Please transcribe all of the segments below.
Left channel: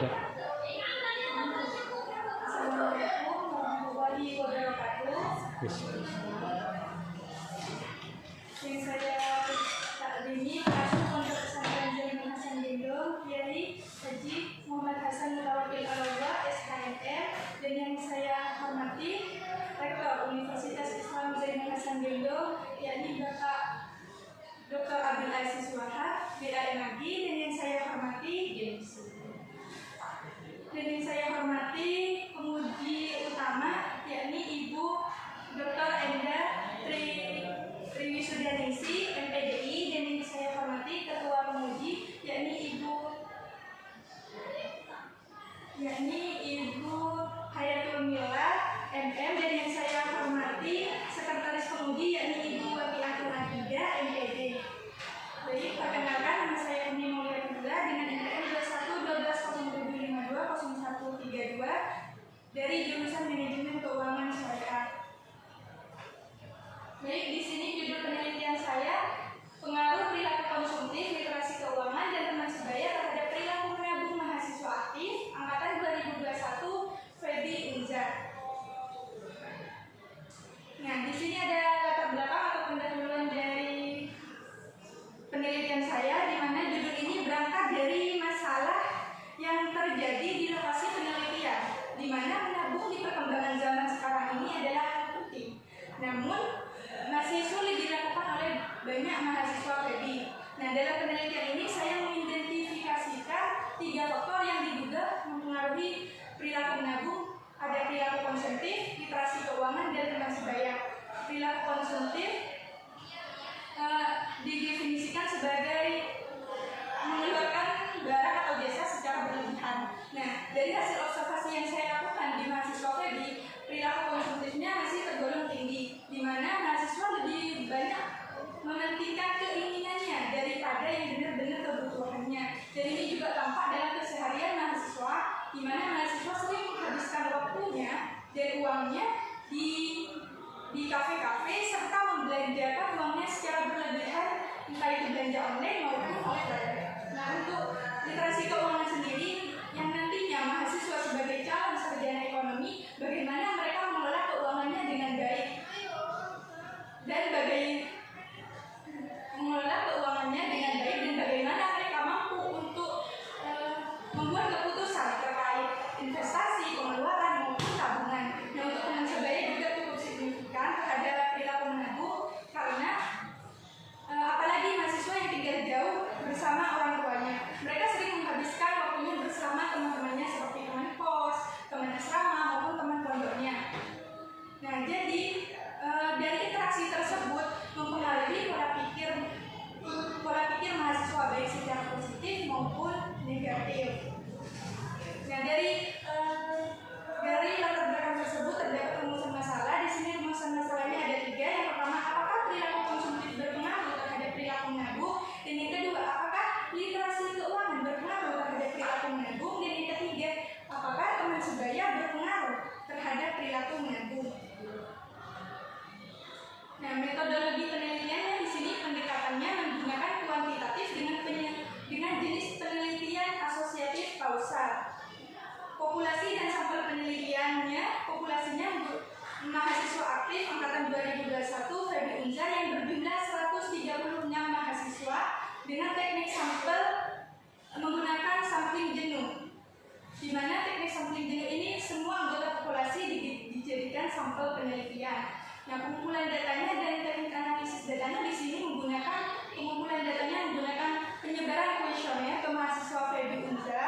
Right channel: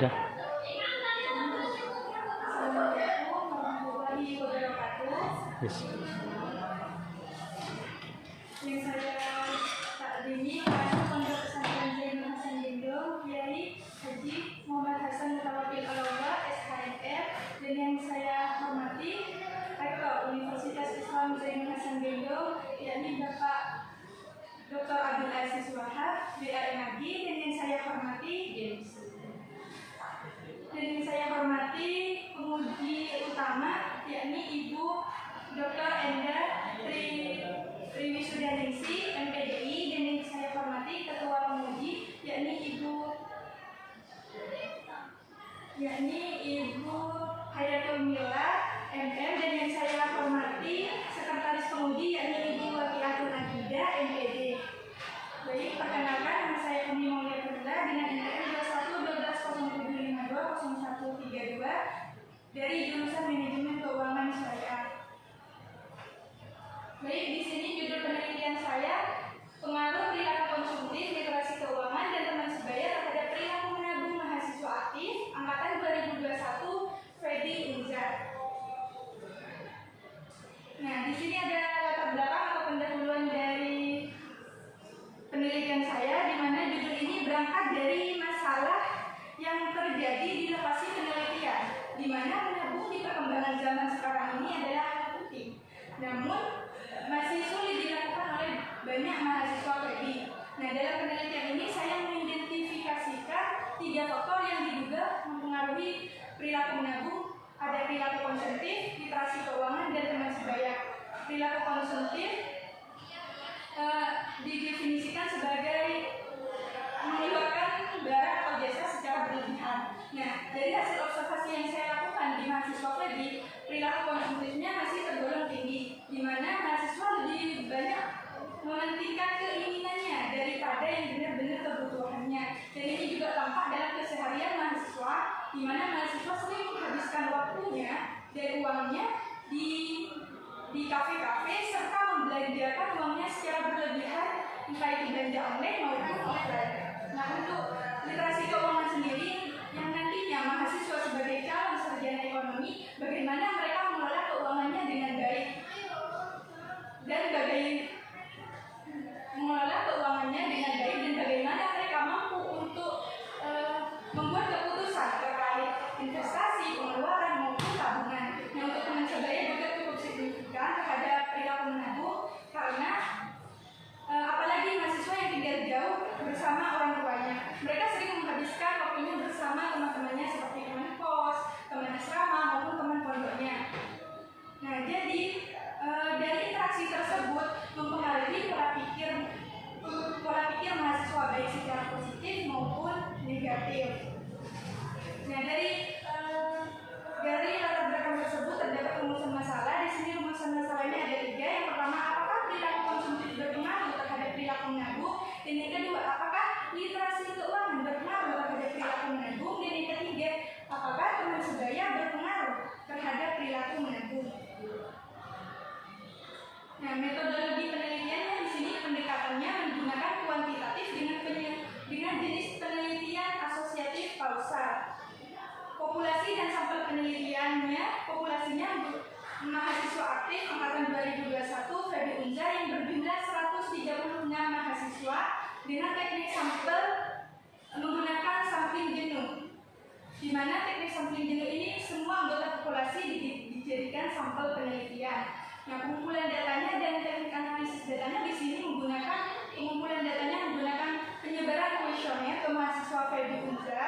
Sudah. Assalamualaikum warahmatullahi wabarakatuh. Yes. Yang saya takdimi adalah Pondok Pesantren Zainul Hasan Gendong, Kiai Haji Muhammad Hasan Mutawakil Al-Awwa, SHMR, dan yang saya hormati Rektor Universitas Islam Zainul Hasan Gendong, yakni Bapak Dr. Abdul Aziz Wahab, BAMAG, dan yang saya hormati penguji utama, yakni Ibu Dr. Enda Triwisudaningsi, MPDI, dan yang saya hormati Ketua Penguji, yakni Ibu Hayatul Mila, MM, dan yang saya hormati Sekretaris Penguji, yakni Ibu Wakilatul Akidah, MPD. Baik, perkenalkan, nama saya Umi Maulia Fadila dengan NPM 211207520132 dari jurusan Manajemen Keuangan Syariah. Baik, di sini judul penelitian saya, pengaruh perilaku konsumtif, literasi keuangan, dan teman sebaya terhadap perilaku menabung mahasiswa aktif angkatan 2021 Fedi Unza. Nah, di sini ada latar belakang atau pendahuluan dari penelitian saya, di mana judul ini berangkat dari masalah yang terjadi di lokasi penelitian, di mana menabung di perkembangan zaman sekarang ini adalah hal penting. Namun masih sulit dilakukan oleh banyak mahasiswa Fedi. Nah, dalam penelitian ini saya mengidentifikasikan 3 faktor yang diduga mempengaruhi perilaku menabung. Ada perilaku konsumtif, literasi keuangan, dan teman sebaya. Perilaku konsumtif didefinisikan sebagai mengeluarkan barang atau jasa secara berlebihan. Nah, dari hasil observasi yang saya lakukan di mahasiswa Fedi, perilaku konsumtifnya masih tergolong tinggi, di mana mahasiswa lebih banyak mementingkan keinginannya daripada yang benar-benar kebutuhannya. Dan ini juga tampak dalam keseharian mahasiswa, di mana mahasiswa sering menghabiskan waktunya dan uangnya di kafe-kafe serta membelanjakan uangnya secara berlebihan, entah itu belanja online maupun offline. Nah, untuk literasi keuangan sendiri, yang nantinya mahasiswa sebagai calon sarjana ekonomi, bagaimana mereka mengelola keuangannya dengan baik dan bagaimana mereka mampu untuk membuat keputusan terkait investasi, pengeluaran maupun tabungan. Nah, untuk teman sebaya juga cukup signifikan terhadap perilaku menabung, karena apalagi mahasiswa yang tinggal jauh bersama orang tuanya, mereka sering menghabiskan waktunya bersama teman-temannya seperti teman kos, teman asrama maupun teman pondoknya. Nah, jadi dari interaksi tersebut mempengaruhi pola pikir mahasiswa baik secara positif maupun negatif. Nah, dari latar belakang tersebut terdapat rumusan masalah. Di sini rumusan masalahnya ada 3. Yang pertama, apakah perilaku konsumtif berpengaruh terhadap perilaku menabung? Dan yang kedua, apakah literasi keuangan berpengaruh terhadap perilaku menabung? Dan yang ketiga, apakah teman sebaya berpengaruh terhadap perilaku menabung? Nah, metodologi penelitiannya di sini pendekatannya menggunakan kuantitatif dengan jenis penelitian asosiatif kausal. Populasi dan sampel penelitiannya, populasinya mahasiswa aktif angkatan 2021 Fedi Unza yang berjumlah 136 mahasiswa dengan teknik sampel menggunakan sampling jenuh, di mana teknik sampling jenuh ini semua anggota populasi dijadikan sampel penelitian. Nah, pengumpulan datanya dan teknik analisis datanya di sini menggunakan penyebaran kuesioner ke mahasiswa Fedi Unza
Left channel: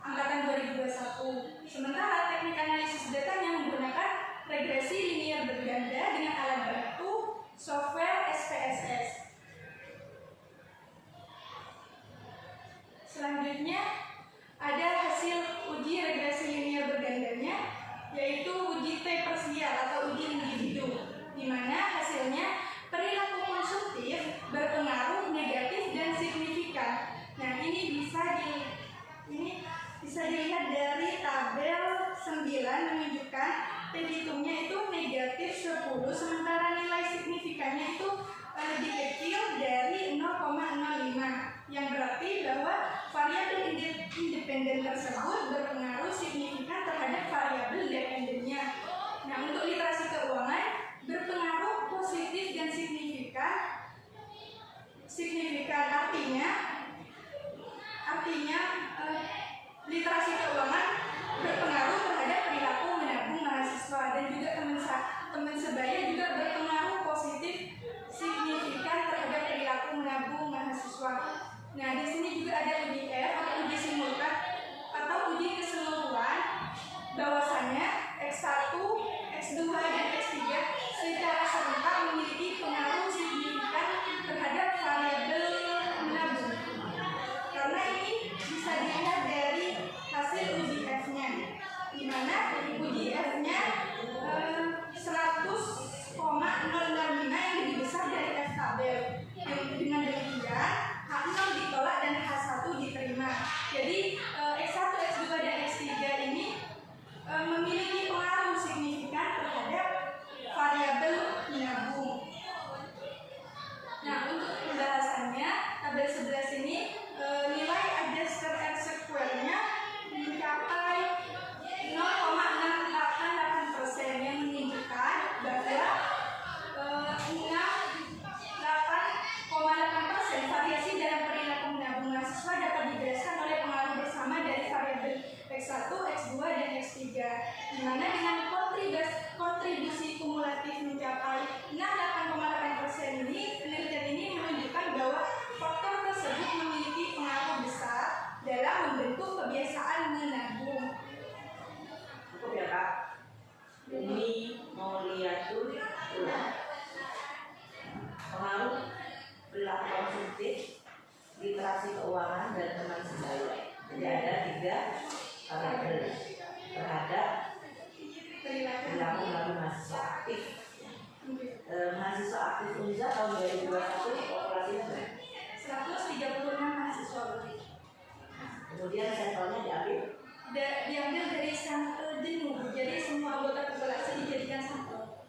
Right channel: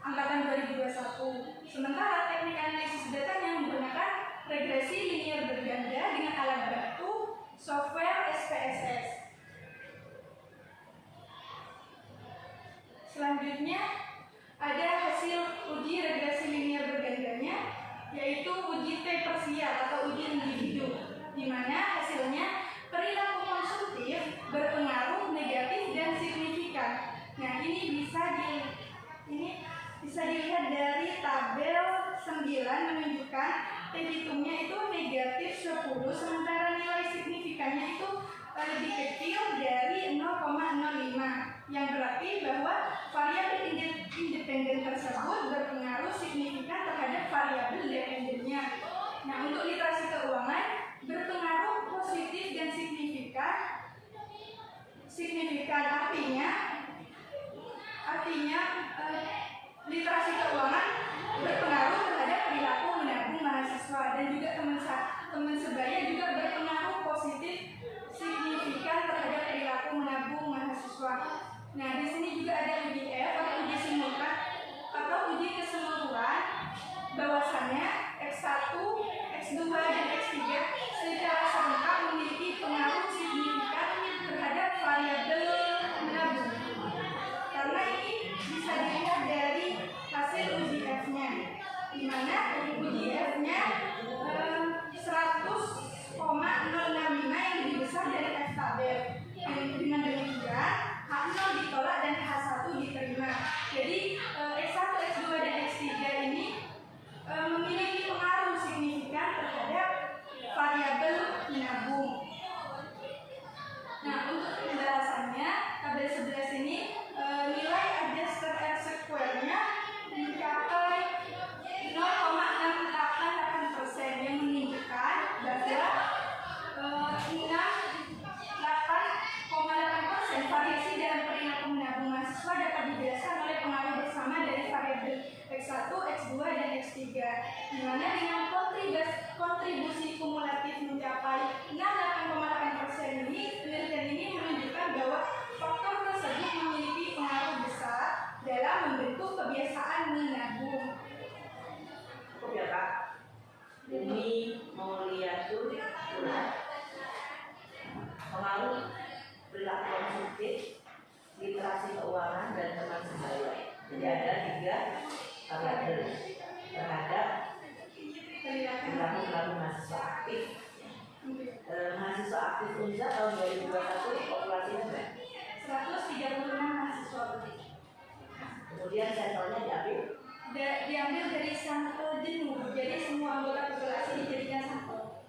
angkatan 2021. Sementara teknik analisis datanya menggunakan regresi linear berganda dengan alat bantu software SPSS. Selanjutnya ada hasil uji regresi linear bergandanya, yaitu uji T parsial atau uji individu, di mana hasilnya perilaku konsumtif berpengaruh negatif dan signifikan. Nah, ini bisa dilihat dari tabel 9 menunjukkan T hitungnya itu negatif 10, sementara nilai signifikannya itu lebih kecil dari 0,05, yang berarti bahwa variabel independen dan tersebut berpengaruh signifikan terhadap variabel dependennya. Nah, untuk literasi keuangan berpengaruh positif dan signifikan. Artinya literasi keuangan berpengaruh terhadap perilaku menabung mahasiswa, dan juga teman sebaya juga berpengaruh positif signifikan terhadap perilaku menabung mahasiswa. Nah, di sini juga ada uji F atau uji simultan atau uji keseluruhan, bahwasannya X1, X2 dan X3 secara serentak memiliki pengaruh signifikan terhadap variabel menabung. Karena ini bisa dilihat dari hasil uji F-nya, di mana uji F-nya 100,065 yang lebih besar dari F tabel. Dengan demikian H0 ditolak dan H1 diterima. Jadi X1, X2 dan X3 ini memiliki pengaruh signifikan terhadap variabel menabung. Nah, untuk pembahasannya tabel 11 ini nilai adjusted R-square-nya mencapai 0,688% yang menunjukkan bahwa 68,8% variasi dalam perilaku menabung mahasiswa dapat dijelaskan oleh pengaruh bersama dari variabel X1, X2 dan X3, di mana dengan kontribusi kumulatif mencapai 68,8% ini, penelitian ini menunjukkan bahwa faktor tersebut memiliki pengaruh besar dalam membentuk kebiasaan menabung. Cukup ya Kak? Ini mau lihat dulu pengaruh perilaku konsumtif, literasi keuangan dan teman sebaya. Jadi ada 3 variabel terhadap perilaku menabung mahasiswa aktif. Mahasiswa aktif UNZA tahun 2021 populasinya 136 mahasiswa. Kemudian sampelnya diambil dari sampel jenuh, jadi semua anggota populasi dijadikan sampel.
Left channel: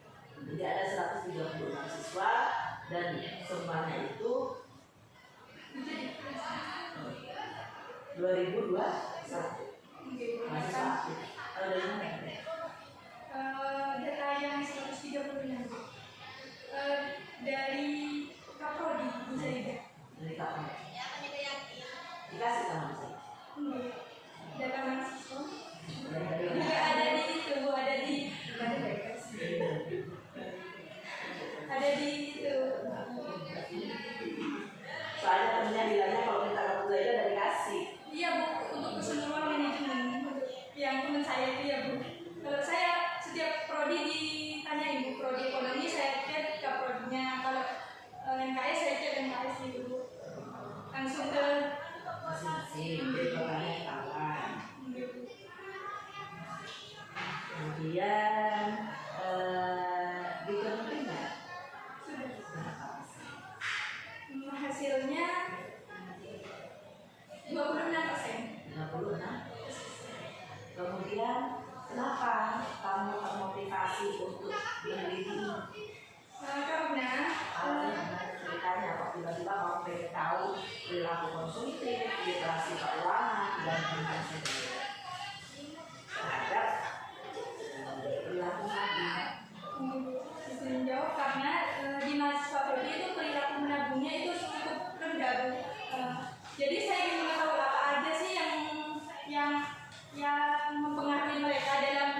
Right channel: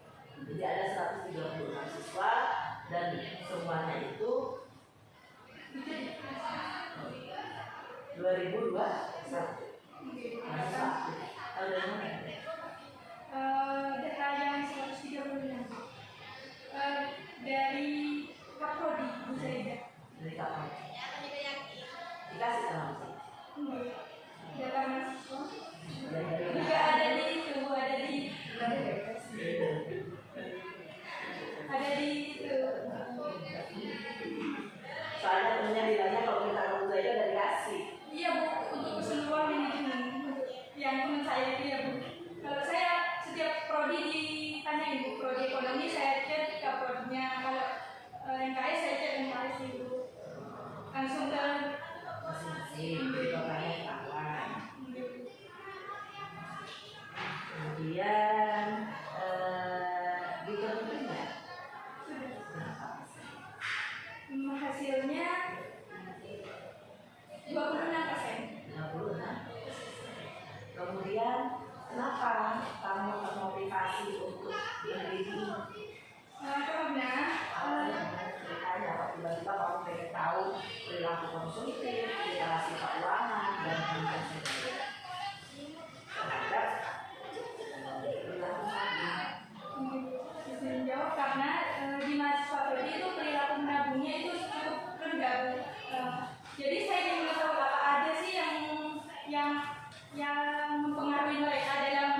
Jadi ada 130 mahasiswa dan semuanya itu 2021 mahasiswa aktif. Tahun dari mana? Data yang 136 dari Kaprodi bisa dilihat. Dari kapan? Dikasih sama sih. Data mahasiswa juga ada di itu, ada di itu. Soalnya temennya bilangnya kalau kita buka itu ada dikasih. Iya Bu, untuk keseluruhan manajemen yang teman saya itu ya Bu. Kalau saya setiap prodi ditanyain Bu, prodi ekonomi saya cek ke prodinya, kalau NKS saya cek NKS dulu, langsung ke masing-masing, makanya kawan. Kemudian ditentuin nggak? Hasilnya 26%. 56. Kemudian kenapa kamu termotivasi untuk meneliti ini? Karena ceritanya kok tiba-tiba kamu pengen tahu perilaku konsumtif, literasi keuangan dan sebagainya terhadap perilaku menabung. Bisa menjawab karena di mahasiswa prodi itu perilaku menabungnya itu cukup rendah. Jadi saya ingin tahu apa aja sih yang mempengaruhi mereka dalam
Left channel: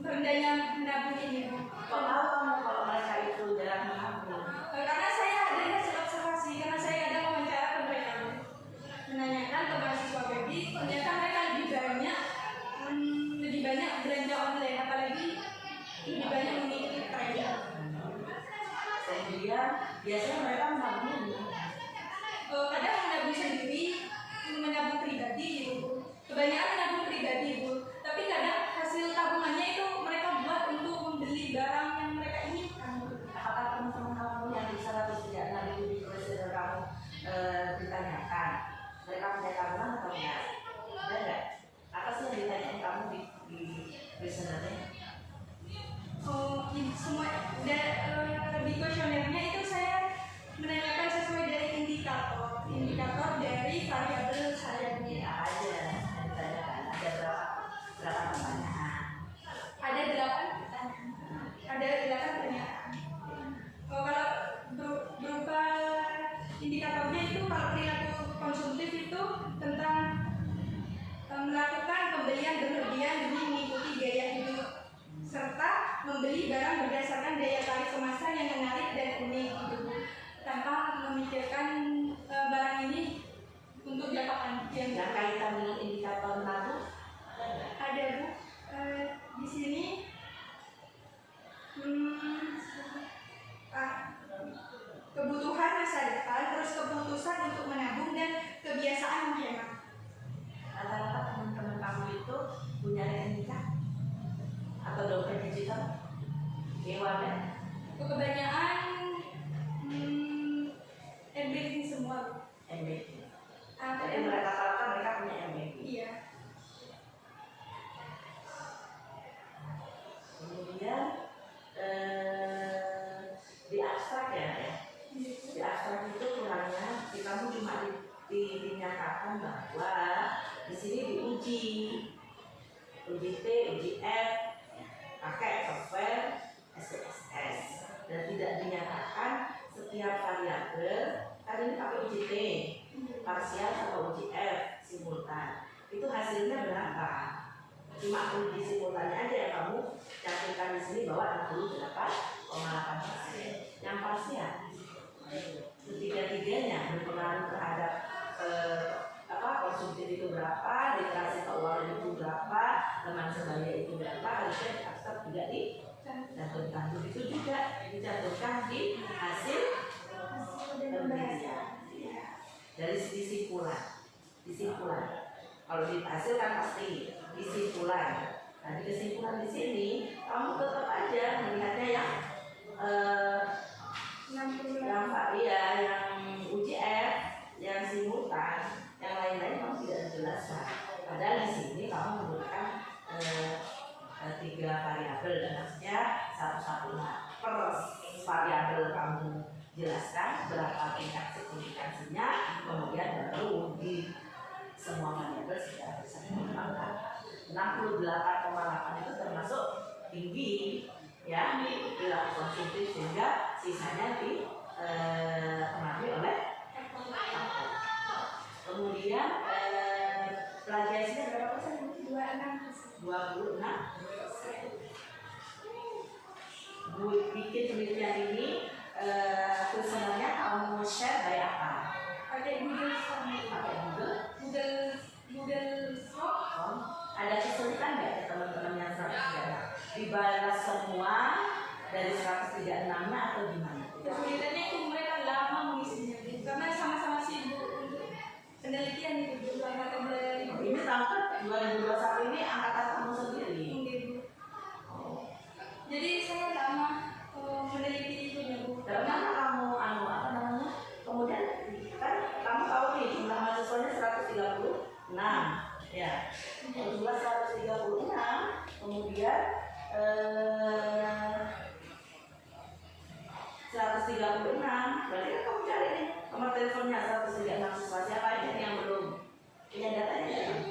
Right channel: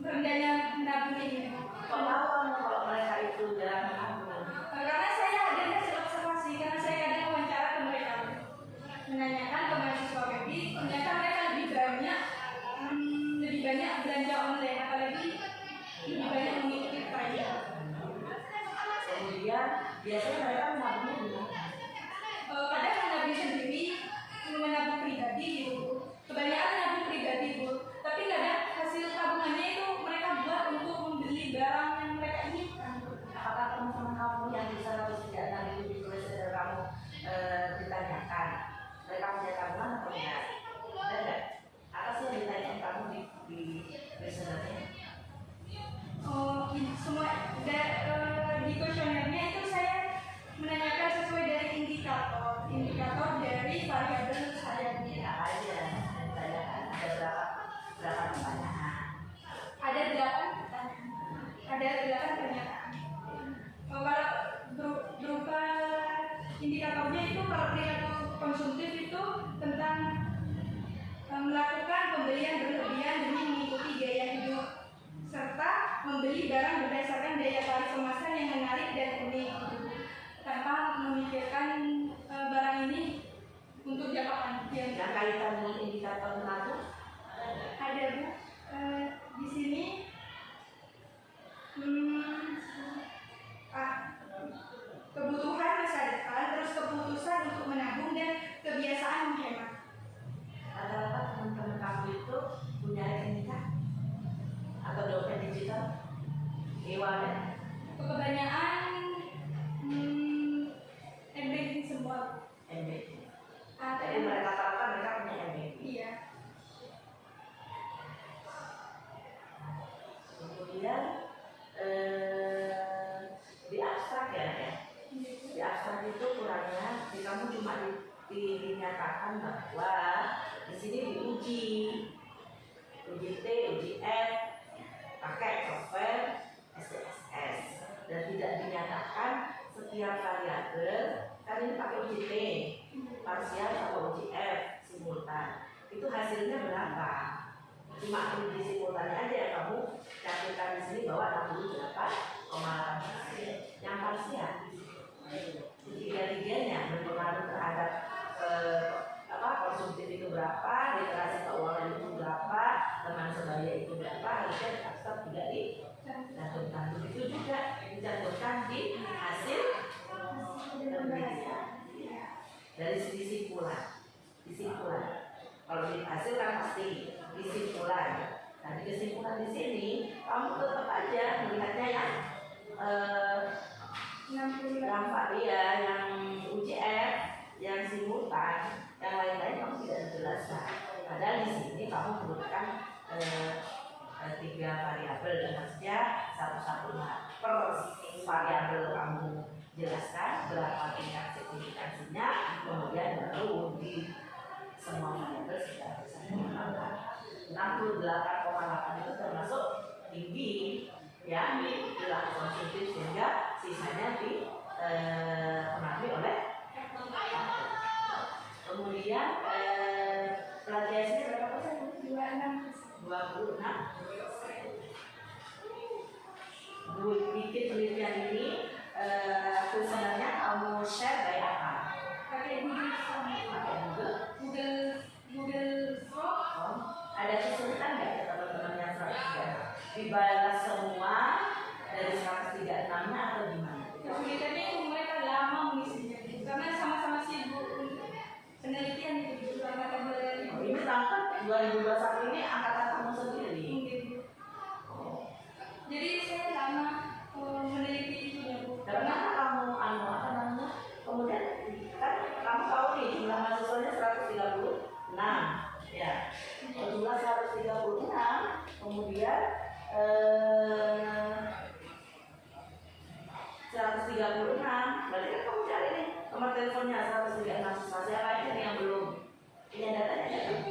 rendahnya menabung ini. Kok tahu kamu kalau mereka itu jarang menabung? Karena saya ada hasil observasi, karena saya ada wawancara ke mereka, menanyakan ke mahasiswa WEBI kaitan dengan indikator menabung? Ada Bu. Di sini kebutuhan masa depan, terus keputusan untuk menabung dan kebiasaan menghemat. Rata-rata teman-teman kamu itu punya rekening atau dompet digital? E-wallet? Kebanyakan MBanking semua. MBanking. Jadi rata-rata mereka punya MBanking. Iya. Kemudian di abstrak ya. Di abstrak itu kurangnya kamu cuma dinyatakan bahwa di sini diuji T, uji F, pakai software SPSS, dan tidak dinyatakan setiap variabel. Kan ini pakai uji T, parsial atau uji F, simultan. Itu hasilnya berapa? Cuma uji simultannya aja yang kamu catatkan di sini bahwa 68,8%. Yang parsial ketiga-tiganya berpengaruh terhadap konsumtif itu berapa, literasi keuangan itu berapa, teman sebaya itu berapa, harusnya abstrak tidak dicantumkan. Begitu juga dicantumkan di hasil penelitian. Dari kesimpulan. Kalau di hasil kan pasti kesimpulan. Nah, di kesimpulan di sini kamu tetap aja melihatnya yang yang uji F, yang simultan, yang lain-lain kamu tidak jelaskan. Padahal di sini kamu menggunakan 3 variabel, dan maksudnya satu per variabel kamu jelaskan berapa tingkat signifikansinya, kemudian baru di semua variabel sudah bisa dikembangkan. 68,8 itu termasuk tinggi ya, di perilaku konsumtif, sehingga sisanya dipengaruhi oleh faktor. Kemudian plagiasinya berapa persen? 26%. Bikin penelitian ini sebenarnya kamu share dari apa? Pakai Google Form. Google Form. Ada kesulitan nggak ya teman-teman yang 136? Dibalas semua dari 136-nya atau gimana? Kesulitannya itu mereka lama mengisinya, karena sama-sama sibuk untuk penelitian itu selama tabel. Ini tangkap 2021 ini angkatan kamu sendiri. Jadi saya lama meneliti itu ya Bu. Karena kamu kemudian kan kamu tahu nih jumlah mahasiswanya 136 ya. Jumlah 136, kemudian 136, berarti kan kamu cari nih nomor teleponnya 136 siswa siapa aja yang belum punya datanya ya?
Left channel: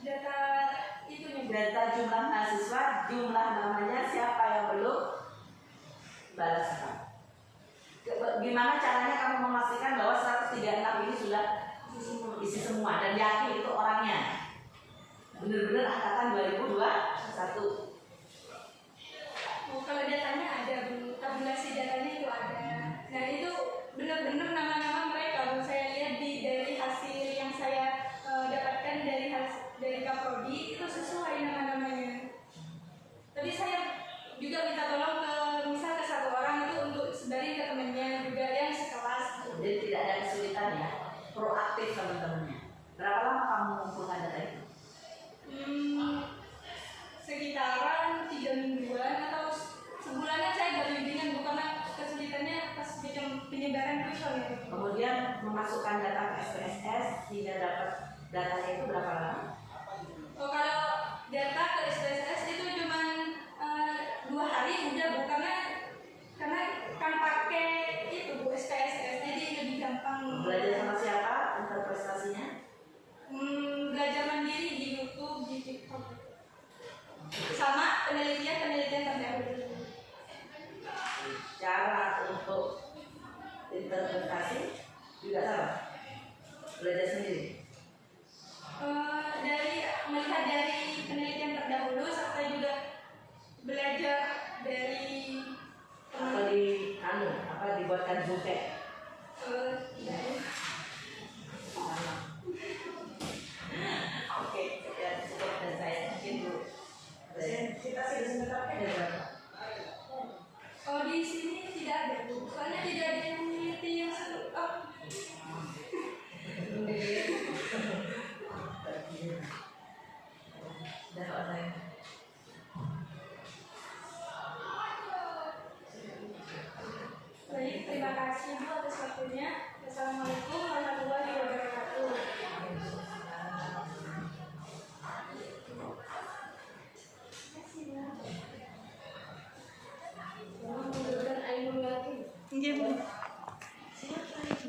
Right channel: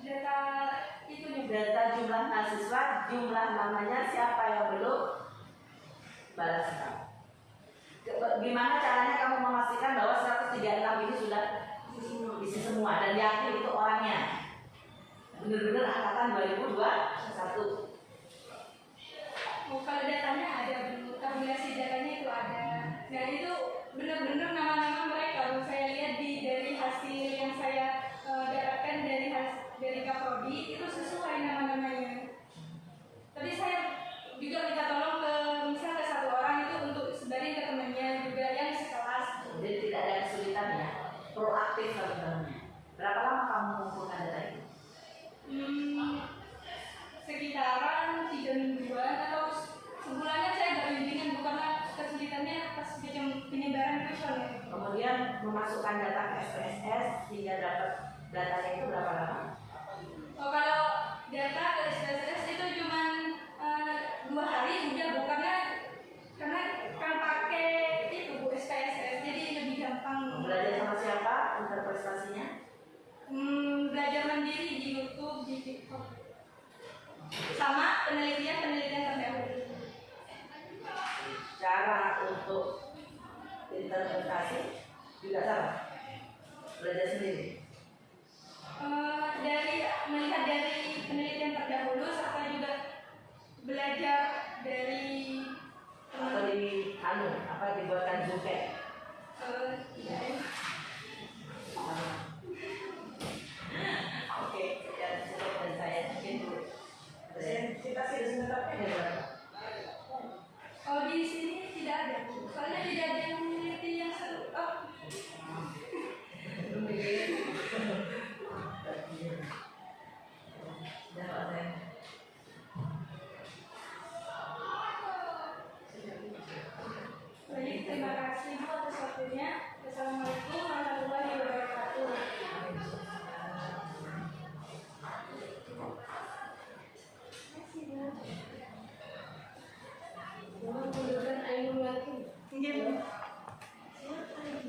Data itu nih, data jumlah mahasiswa, jumlah namanya siapa yang belum balas kamu. Gimana caranya kamu memastikan bahwa 136 ini sudah isi semua dan yakin itu orangnya benar-benar angkatan 2021? Kalau datanya ada, tabulasi datanya itu ada. Nah itu benar-benar nama-nama mereka. Saya lihat dari hasil yang saya dapatkan dari Kaprodi itu sesuai nama-namanya. Tapi saya juga minta tolong ke satu orang itu untuk sebarin ke temannya juga yang sekelas. Jadi tidak ada kesulitan ya, proaktif teman-teman. Berapa lama kamu mengumpulkan data itu? Sekitaran 3 mingguan atau sebulannya saya agak bimbingan, karena kesulitannya pas penyebaran kuesioner. Kemudian memasukkan data ke SPSS hingga dapat datanya itu berapa lama? Kalau data ke SPSS itu cuma 2 hari udah Bu, karena kan pakai itu Bu SPSS, jadi lebih gampang. Belajar sama siapa untuk prestasinya? Belajar mandiri di YouTube, di TikTok, sama penelitian terdahulu. Cara untuk interpretasi juga sama, belajar sendiri.